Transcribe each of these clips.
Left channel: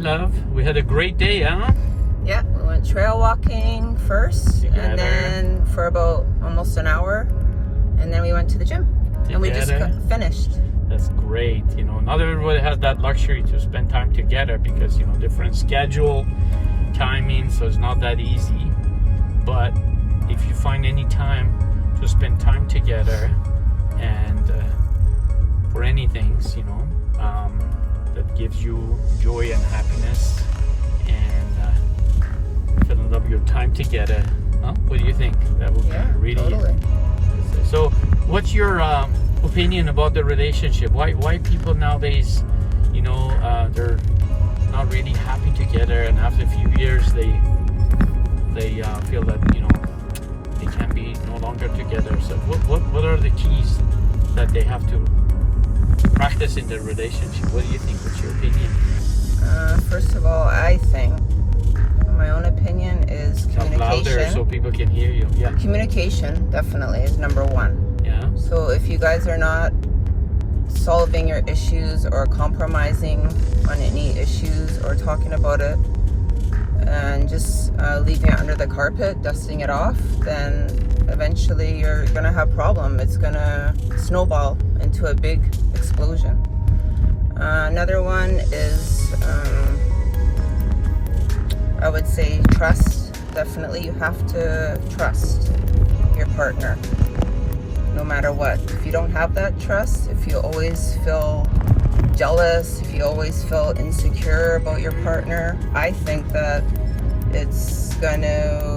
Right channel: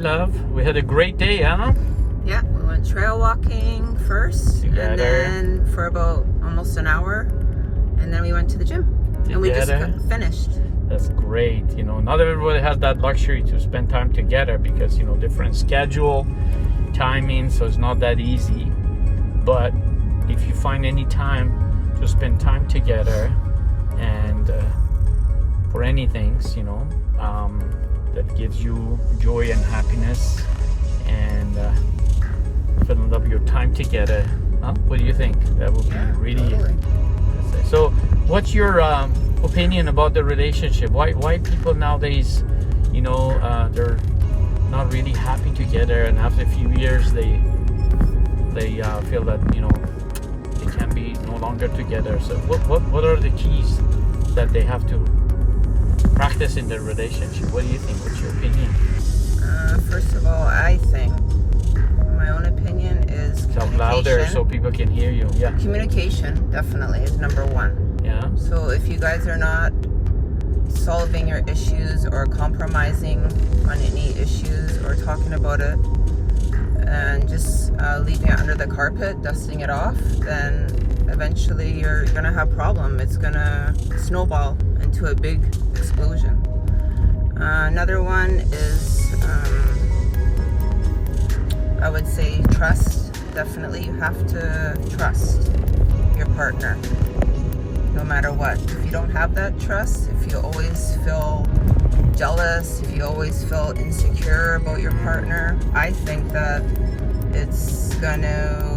love. We had a great day, huh? Yeah, we went trail walking first, Together. and then for about almost an hour, and then we went to the gym, and we just Together. finished. That's great. You know, not everybody has that luxury to spend time together because, you know, different schedule, timing, so it's not that easy. But if you find any time to spend time together and for anything, you know, that gives you joy and happiness and fill up your time together. Huh? What do you think? That would be really totally. So, what's your opinion about the relationship? Why people nowadays, you know, they're not really happy together, and after a few years, they feel that, you know, they can be no longer together. So, what are the keys that they have to practice in their relationship? What do you think? What's your opinion? First of all, I think my own opinion is Talk louder so communication. people can hear you. Yeah. Communication definitely is number one. Yeah. So if you guys are not solving your issues or compromising on any issues or talking about it and just leaving it under the carpet, dusting it off, then eventually you're going to have a problem. It's going to snowball into a big explosion. Another one is, I would say, trust. Definitely you have to trust your partner no matter what. If you don't have that trust, if you always feel jealous, if you always feel insecure about your partner, I think that it's going to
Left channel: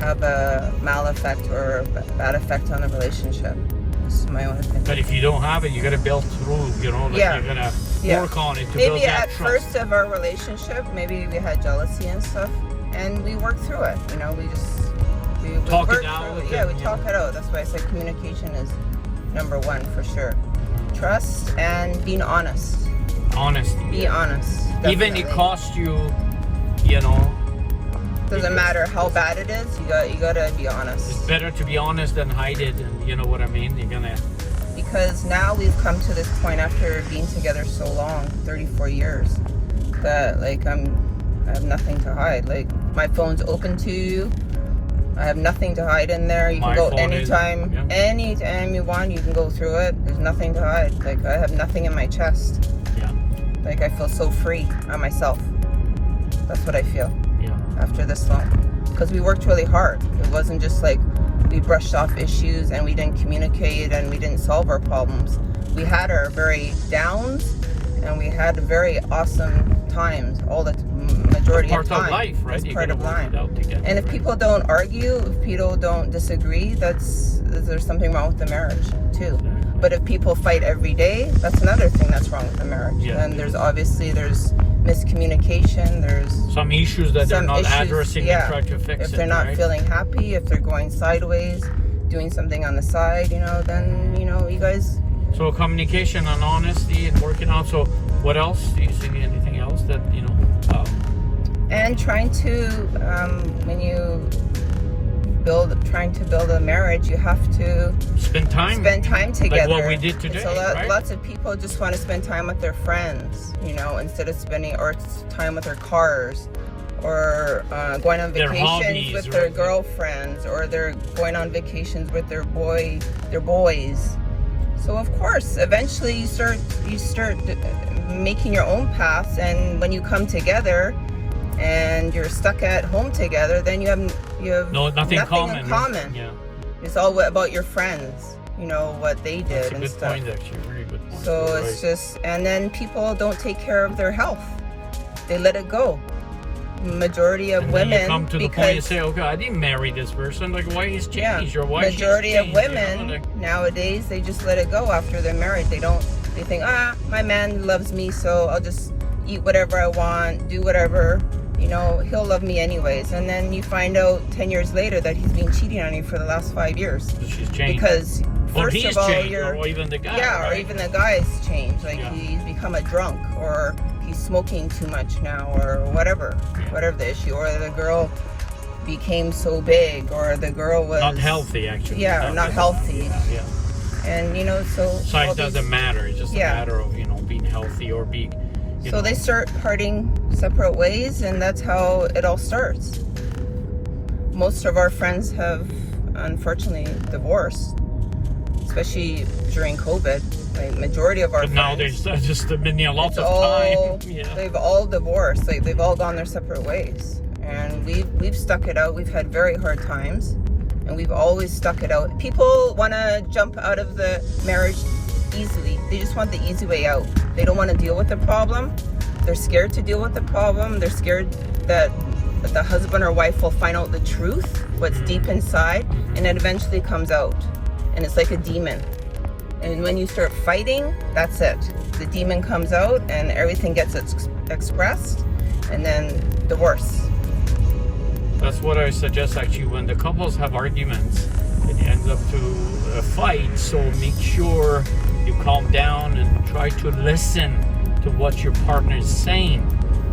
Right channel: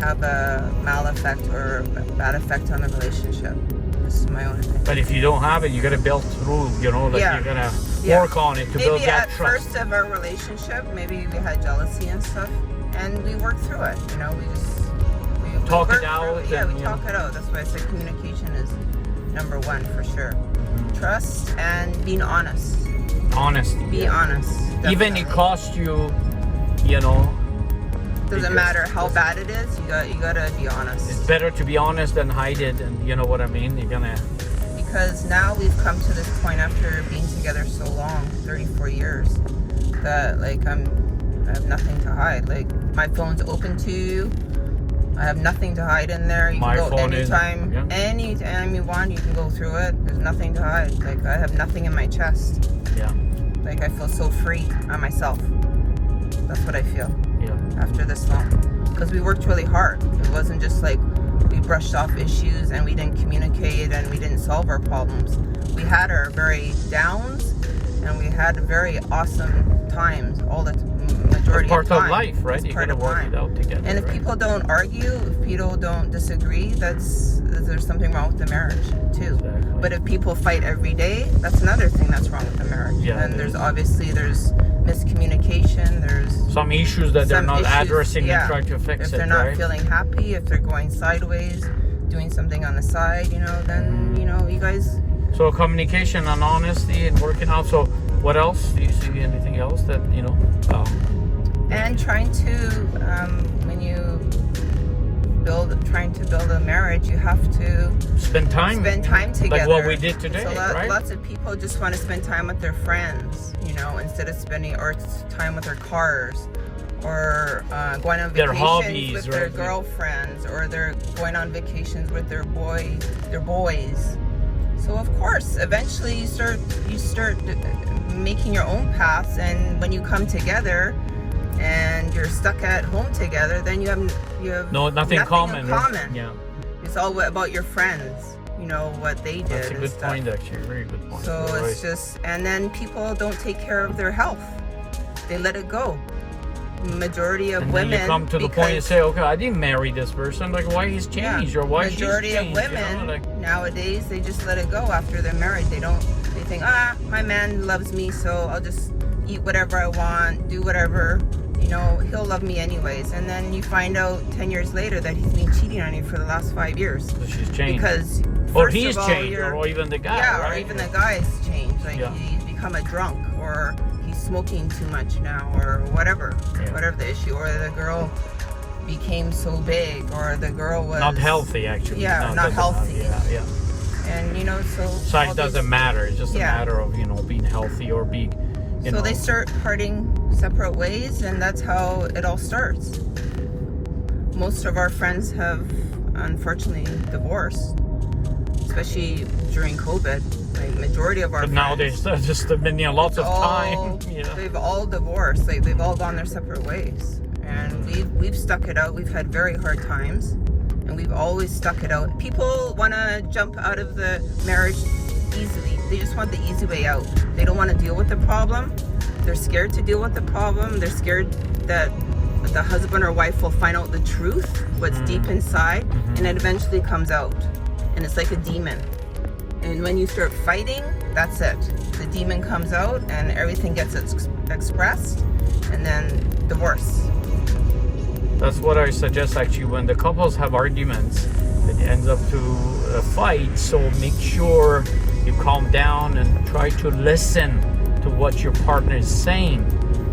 have a mal effect or a bad effect on the relationship. This is my own opinion. But if you don't have it, you got to build through, you know, like you're going to work on it to build Maybe that at trust. first of our relationship, maybe we had jealousy and stuff, and we worked through it. You know, we Talk it worked out through with Yeah, them, we yeah. talk it out. That's why I said communication is number one for sure. Trust and being honest. Honesty. Be honest. Even definitely. it costs you, you know, Doesn't matter how bad it is. You gotta be honest. it's better to be honest than hide it, and you know what I mean? You're gonna, Because now we've come to this point after being together so long, 34 years, that like I have nothing to hide. Like my phone's open to you. I have nothing to hide in there. You My can go phone is- anytime, yeah. anytime you want. You can go through it. There's nothing to hide. Like I have nothing in my chest. yeah, Like I feel so free on myself. That's what I feel yeah. after this long. Because we worked really hard. It wasn't just like we brushed off issues and we didn't communicate and we didn't solve our problems. We had our very downs and we had very awesome times all the majority Part of of time. life, right? It's You part gotta of work life. it out together. And if people don't argue, if people don't disagree, there's something wrong with the marriage too. Exactly. But if people fight every day, that's another thing that's wrong with the marriage. Yeah. And there's miscommunication, there's some issues that they're some not issues, addressing yeah. and trying to fix if it, they're not right? feeling happy, if they're going sideways, doing something on the side, you know, then, you know, you guys, So communication and honesty and working out. So what else? Do you see anything else that, you know, and trying to, when you trying to build a marriage, you have to spend time together. like what we did today, So right? lots of people just want to spend time with their friends, you know, instead of spending or time with their cars, or going on Their vacations hobbies, with their right? girlfriends, or they're going on vacations with their boys. So of course, eventually you start making your own paths, and when you come together and you're stuck at home together, then you have nothing in common. common. Yeah, It's all about your friends, you know, what they did that's a and good stuff. point, actually. Very good point. So You're it's right. just, and then people don't take care of their health. They let it go. Majority of And women, then you come to the point and say, okay, I didn't marry this person. Like, why he's changed or why she's majority of changed, you know, women like- nowadays, they just let it go after they're married. They think, my man loves me, so I'll just eat whatever I want, do whatever, you know, he'll love me anyways. And then you find out 10 years later that he's been cheating on you for the last 5 years. She's changed. Because or first he's of all, changed, you're, or even the guy. yeah, right? or even the guy's changed. Like Yeah. he's become a drunk, or he's smoking too much now, or whatever, Yeah. whatever the issue, or the girl became so big, or the girl was not healthy, actually. Yeah, not healthy. Yeah. And you know, so Size doesn't matter. It's just a Yeah. matter of, you know, being healthy or being You So know? they start parting separate ways, and that's how it all starts. Most of our friends have unfortunately divorced, especially during COVID. Like majority of our But now there's friends, just been lots of all, time. Yeah. they've all divorced. Like they've all gone their separate ways, and we've stuck it out. We've had very hard times, and we've always stuck it out. People want to jump out of the marriage easily. They just want the easy way out. They don't want to deal with the problem. They're scared to deal with the problem. They're scared that the husband or wife will find out the truth, what's deep inside, and it eventually comes out. And it's like a demon. And when you start fighting, that's it. The demon comes out and everything gets expressed, and then divorce. That's what I suggest actually when the couples have arguments, it ends up to a fight. So make sure you calm down and try to listen to what your partner is saying.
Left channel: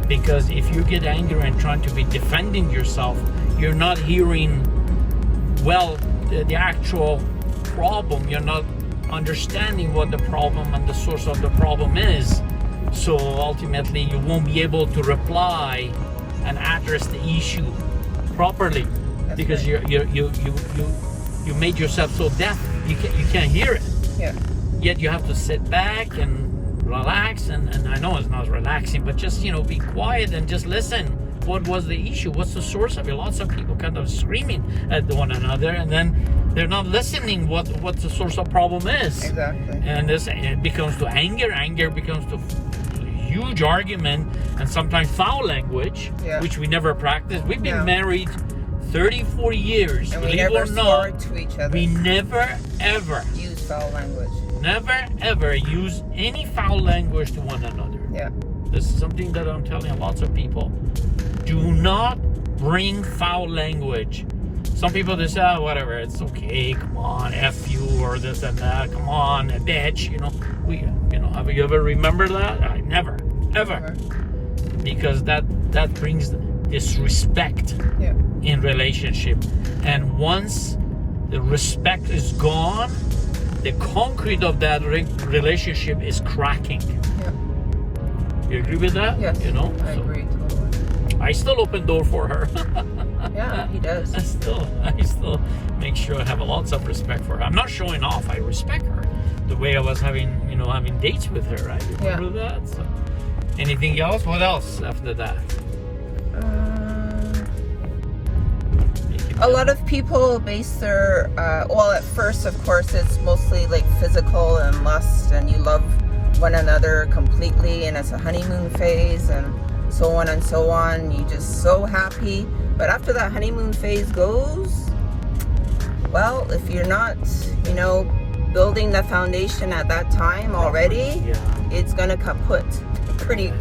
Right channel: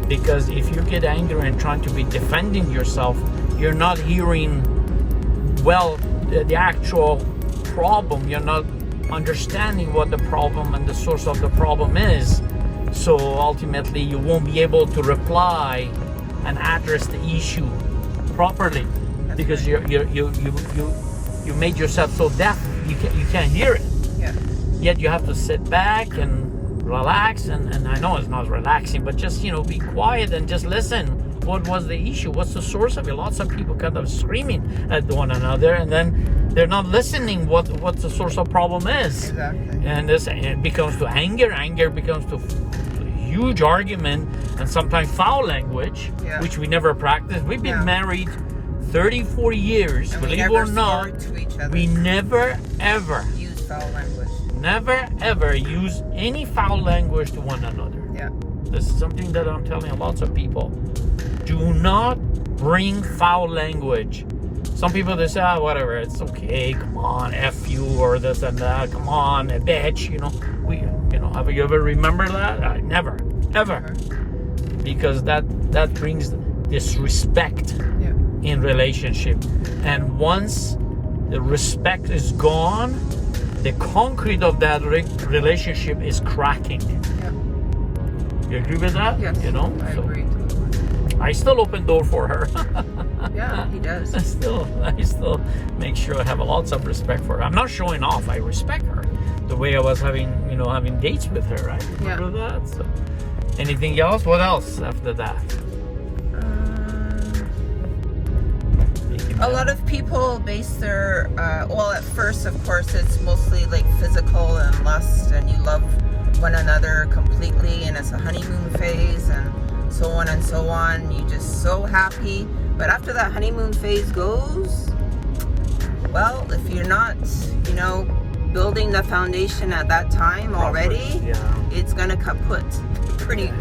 Because if you get angry and trying to be defending yourself, you're not hearing well the actual problem. You're not understanding what the problem and the source of the problem is. So ultimately you won't be able to reply and address the issue properly. That's because right. you made yourself so deaf you can't hear it. Yeah. Yet you have to sit back and relax, and I know it's not relaxing, but just be quiet and just listen. What was the issue? What's the source of it? Lots of people kind of screaming at one another, and then they're not listening what the source of problem is. Exactly. And it becomes to anger becomes to huge argument, and sometimes foul language, Yeah. which we never practiced. We've been Yeah. married 34 years, And we believe it never or not. swore to each other. We never ever use foul language. never ever use any foul language to one another. Yeah. This is something that I'm telling lots of people. Do not bring foul language. Some people they say, whatever, it's okay, come on, F you or this and that, come on, a bitch, have you ever remembered that? Never, ever. Because that brings disrespect Yeah. in relationship. And once the respect is gone, the concrete of that relationship is cracking. Yeah. You agree with that? Yes. I I agree totally. I still open door for her. Yeah, he does. I still make sure I have lots of respect for her. I'm not showing off. I respect her. The way I was having dates with her, right? Remember that? So, anything else? What else after that? A lot of people base their, at first, of course, it's mostly like physical and lust, and you love one another completely, and it's a honeymoon phase, and so on and so on. You're just so happy. But after that honeymoon phase goes, well, if you're not, building the foundation at that time already, it's gonna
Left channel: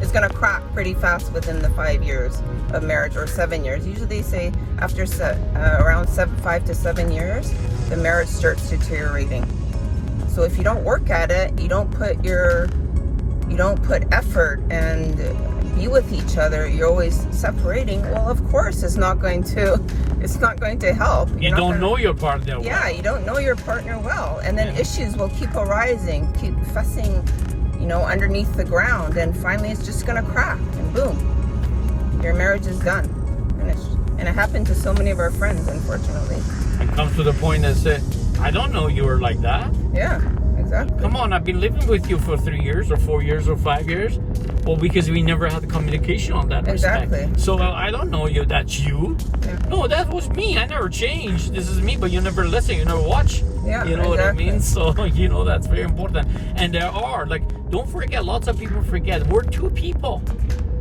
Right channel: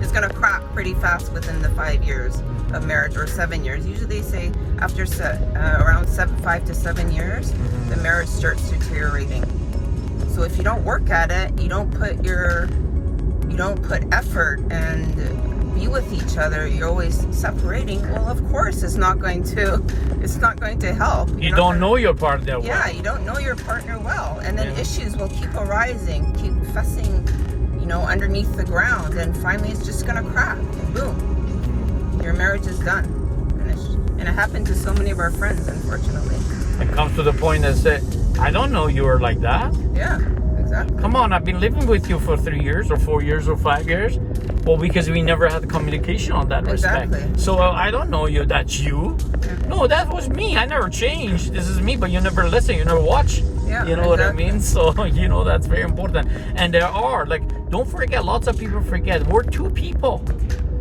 it's gonna crack pretty fast within the 5 years of marriage, or 7 years. Usually they say after around 5 to 7 years, the marriage starts deteriorating. So if you don't work at it, you don't put effort and be with each other, you're always separating. Well, of course, it's not going to help. You don't know your partner well. Yeah, you don't know your partner well, and then issues will keep arising, keep fessing, underneath the ground, and finally it's just gonna crack, and boom, your marriage is done. And it happened to so many of our friends, unfortunately. And comes to the point that say, I don't know you were like that. Yeah, exactly. Come on, I've been living with you for 3 years or 4 years or 5 years. Well, because we never had communication on that Exactly. respect. So I don't know you. That's you. Yeah. No, that was me. I never changed. This is me, but you never listen. You never watch. Yeah, You know what I exactly. mean? So, that's very important. And there are, don't forget, lots of people forget, we're two people.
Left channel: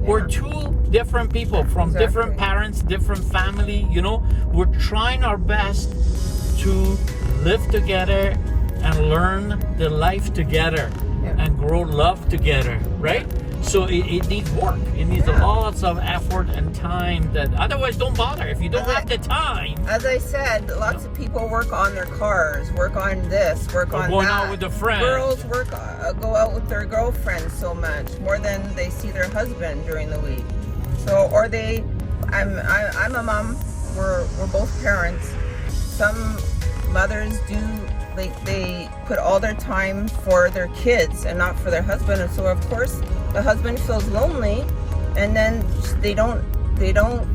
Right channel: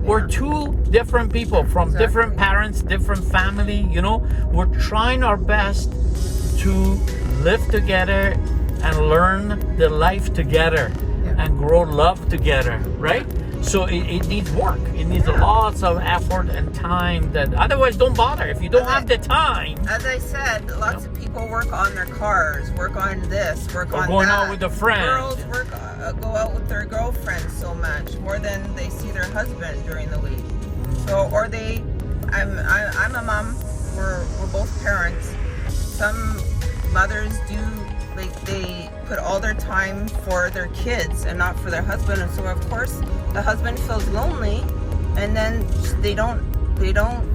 We're two different people from Exactly. different parents, different family, We're trying our best to live together and learn the life together and grow love together, right? So it needs work. It needs lots of effort and time. That otherwise, don't bother. If you don't have the time. As I said, lots of people work on their cars, work on this, work on going that. out with a friend. Girls go out with their girlfriends so much more than they see their husband during the week. So, or I'm a mom. We're both parents. Some mothers do they put all their time for their kids and not for their husband. And so of course the husband feels lonely, and then they don't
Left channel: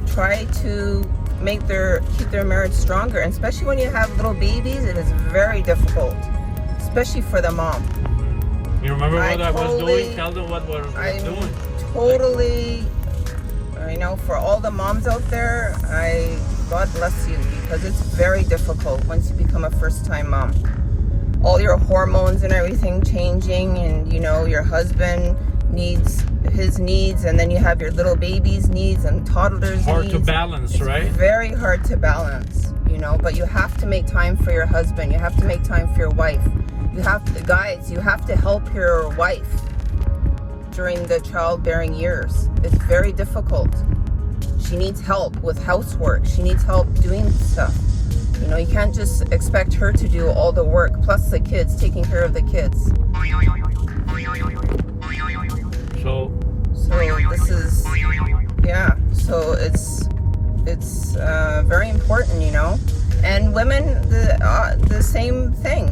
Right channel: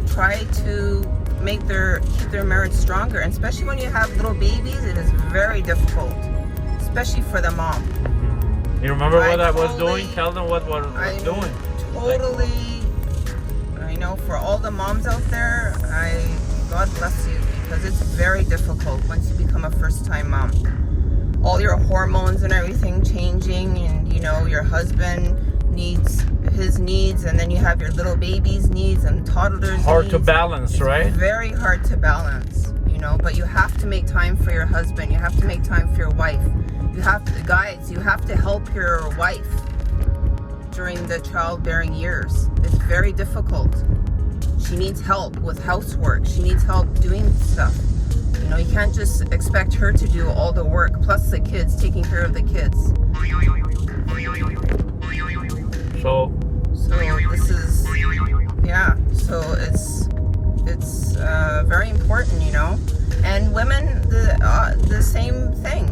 try to keep their marriage stronger. And especially when you have little babies, it is very difficult, especially for the mom. You remember what I was doing? Tell them what I was doing. Totally, I know for all the moms out there, God bless you, because it's very difficult once you become a first-time mom. All your hormones and everything changing, and you know, your husband needs his needs, and then you have your little baby's needs and toddlers' Hard needs. to balance, right? It's very hard to balance, you know, but you have to make time for your husband. You have to make time for your wife. You have to help your wife during the childbearing years. It's very difficult. She needs help with housework. She needs help doing stuff. You know, you can't just expect her to do all the work, plus the kids, taking care of the kids. So this is, yeah, so it's very important, you know. And women, the same thing.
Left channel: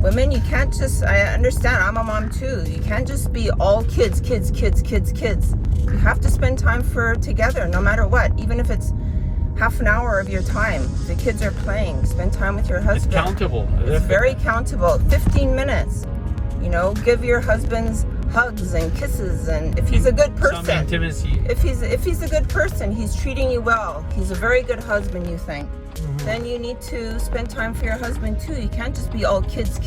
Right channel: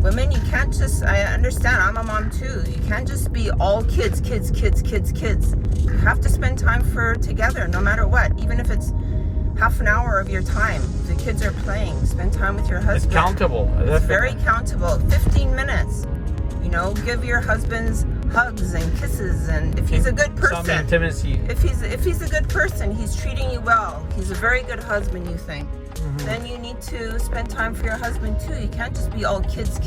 Women, you can't just, I understand, I'm a mom too. You can't just be all kids. You have to spend time together, no matter what. Even if it's half an hour of your time, the kids are playing, spend time with your husband. Accountable. It's very accountable. 15 minutes. You know, give your husbands hugs and kisses, and if he's a good person, some intimacy. If he's a good person, he's treating you well, he's a very good husband, you think, then you need to spend time for your husband too. You can't just be all kids.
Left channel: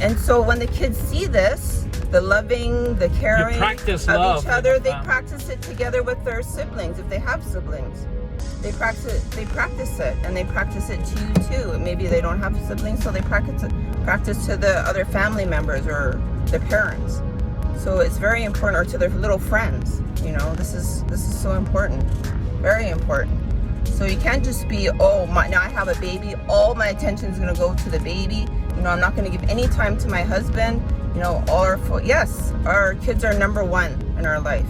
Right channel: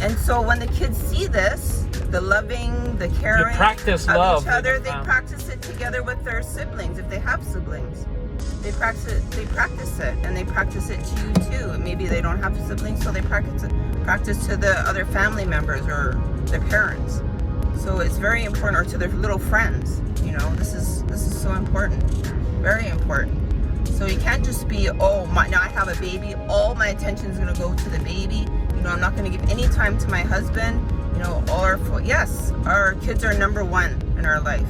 And so when the kids see this, the loving, the caring of each other, they practice it together with their siblings. If they have siblings, they practice it, and they practice it to you too. And maybe they don't have siblings, so they practice to the other family members or their parents. So it's very important, or to their little friends. You know, this is so important, very important. So you can't just be, now I have a baby, all my attention is going to go to the baby. You know, I'm not going to give any time to my husband. You know, yes, our kids are number one in our life.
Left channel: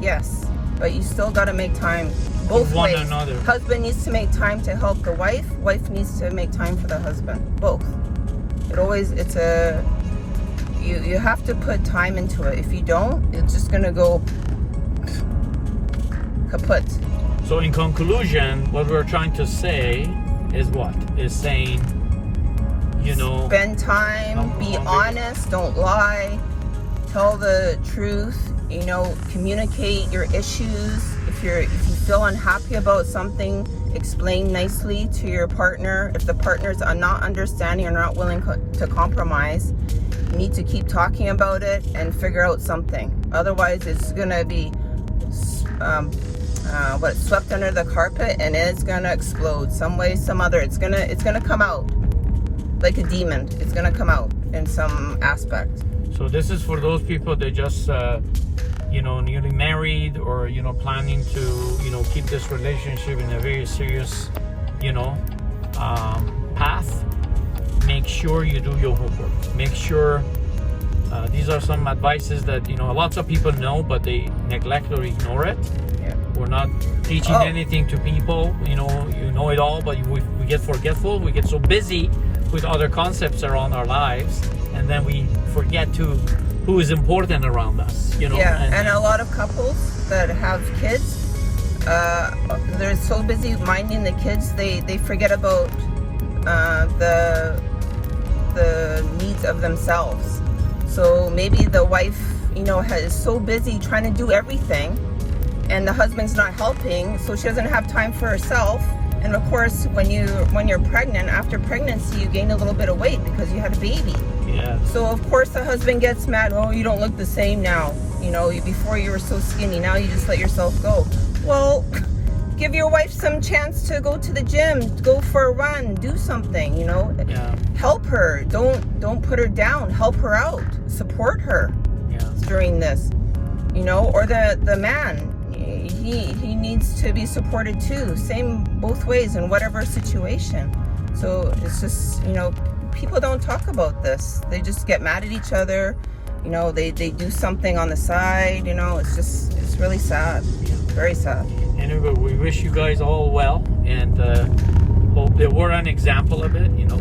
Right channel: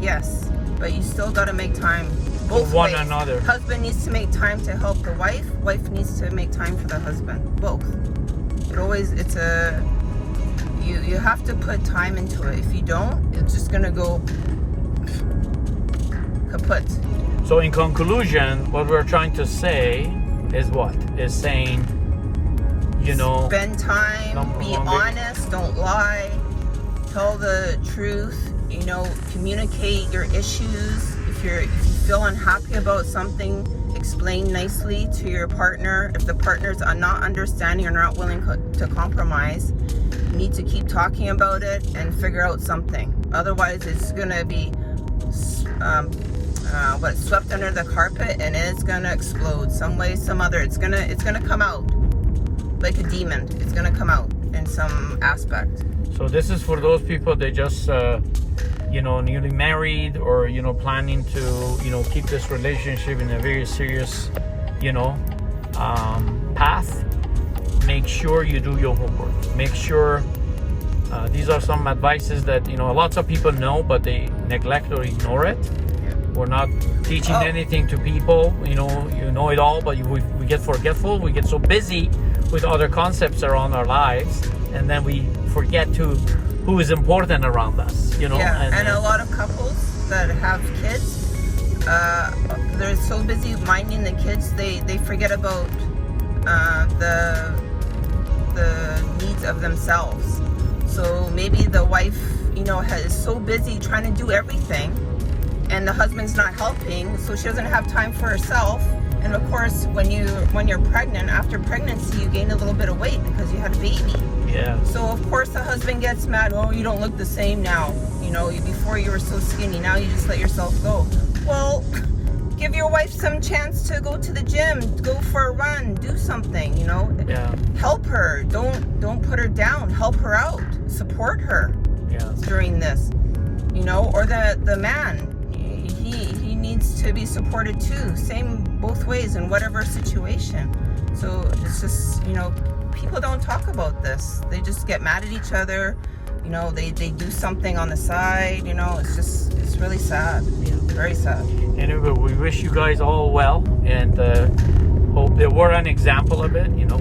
Yes, but you still got to make time both ways. Another. Husband needs to make time to help the wife. Wife needs to make time for the husband. Both. You have to put time into it. If you don't, it's just going to go kaput. So in conclusion, what we're trying to say is what? Is saying, you know, spend time, be honest, don't lie, tell the truth, you know, communicate your issues. If you feel unhappy about something, explain nicely to your partner. If the partners are not understanding or not willing to compromise, you need to keep talking about it and figure out something. Otherwise, it's going to be swept under the carpet, and it's going to explode some way, some other. It's going to come out like a demon. It's going to come out in some aspect. So this is for those people that just newly married, or planning to keep this relationship in a very serious path. Make sure you do your homework. Make sure these are some advices that lots of people know, but they neglect or ignore it. We're not teaching anything to people. You know it all, but we get forgetful. We get so busy with other concepts around our lives, and then we forget who is important around us. And a lot of couples that have kids, they're so busy minding the kids, they forget about the needs of themselves. So maybe the wife, is so busy trying to do everything, and the husband's not helping, so she doesn't have time for herself. And of course, when you're pregnant, after pregnancy, you gain a little bit of weight because you had a baby. Yeah. So of course the husband gets mad. Oh, you don't look the same now. Before you were so skinny. Now you just let yourself go. Well, give your wife some chance to go to the gym, go for a run, do something. Yeah. Help her. Don't put her down. Help her out. Support her during this. Or the man. He needs to be supported too. Same both ways in whatever situation. So it's just, people don't talk about this. They just get mad at each other. They do something on the side. It's really sad. Very sad. Anyway, we wish you guys all well, and hope that we're an example of it. You know,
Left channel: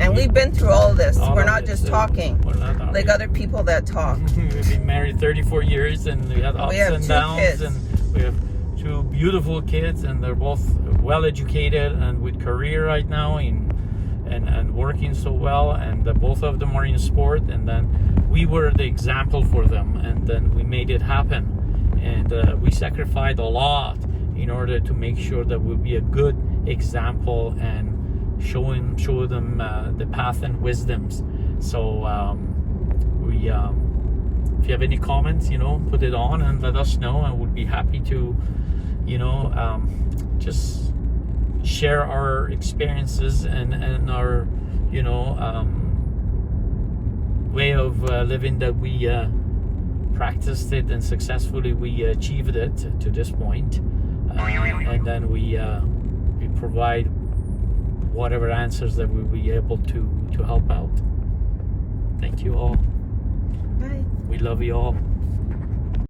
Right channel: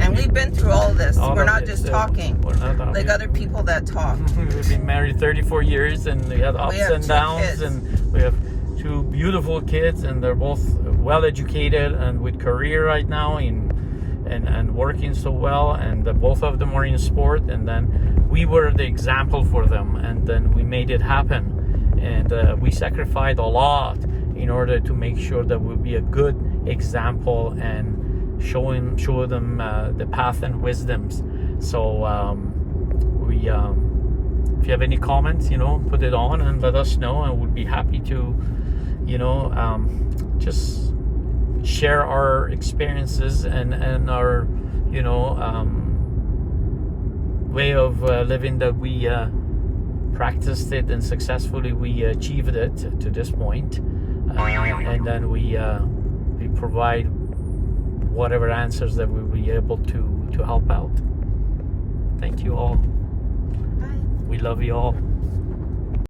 And we've been through all this. all We're of not it, just so talking we're not talking. like other people that talk. We've been married 34 years, and we had ups have and 2 downs, kids. and we have 2 beautiful kids, and they're both well educated and with career right now, and working so well, and both of them are in sport, and then we were the example for them, and then we made it happen, and we sacrificed a lot in order to make sure that we'll be a good example and show them the path and wisdoms. So if you have any comments, you know, put it on and let us know, and we'll be happy to, you know, just share our experiences and our, you know, way of living that we practiced it and successfully we achieved it to this point, and then we provide whatever answers that we'll be able to help out. Thank you all. Bye. We love you all.